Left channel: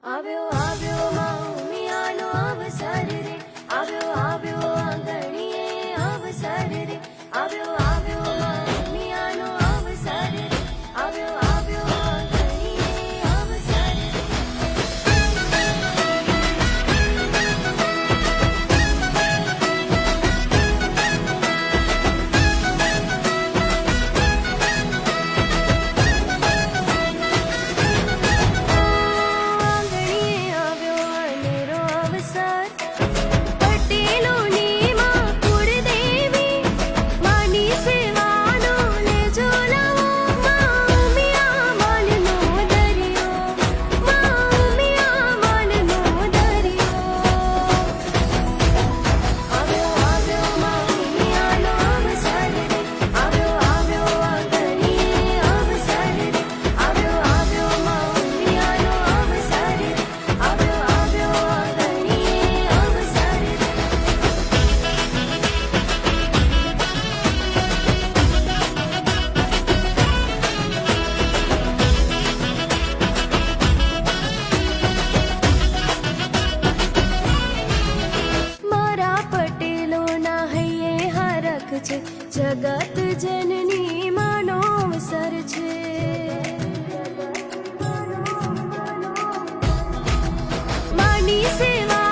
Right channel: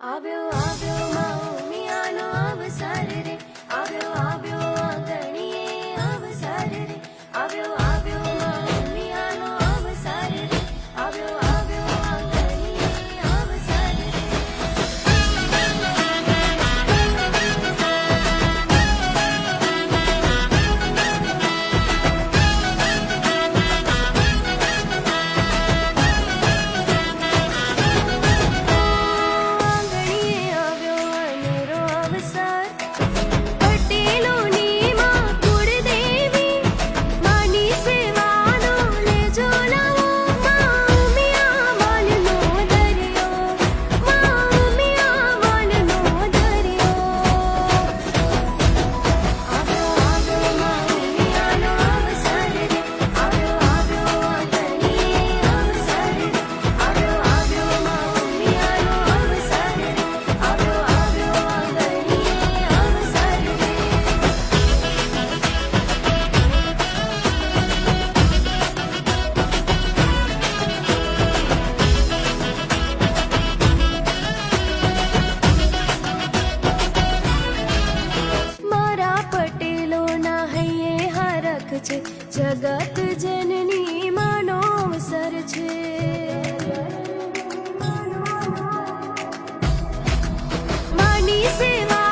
આવ્યો આવ્યો ઉમિયાનો અવસર રે, આવ્યો આવ્યો આંગણીએ અવસર રે, આવ્યો આવ્યો ઉમિયાનો અવસર રે, આવ્યો આવ્યો આંગણીએ અવસર રે. પટેલોની માં કુળદેવી માની સેવાનો લેજો લાવો, માં ઉમિયા માલનો દરિયો, માં ઉમિયા માલનો દરિયો. આવ્યો આવ્યો ઉમિયાનો અવસર રે, આવ્યો આવ્યો આંગણીએ અવસર રે, આવ્યો આવ્યો ઉમિયાનો અવસર રે, આવ્યો આવ્યો આંગણીએ અવસર રે. મારા પટેલોના હૈયે હરખ છે, જગત જનની માનો અવસર છે. માની સેવા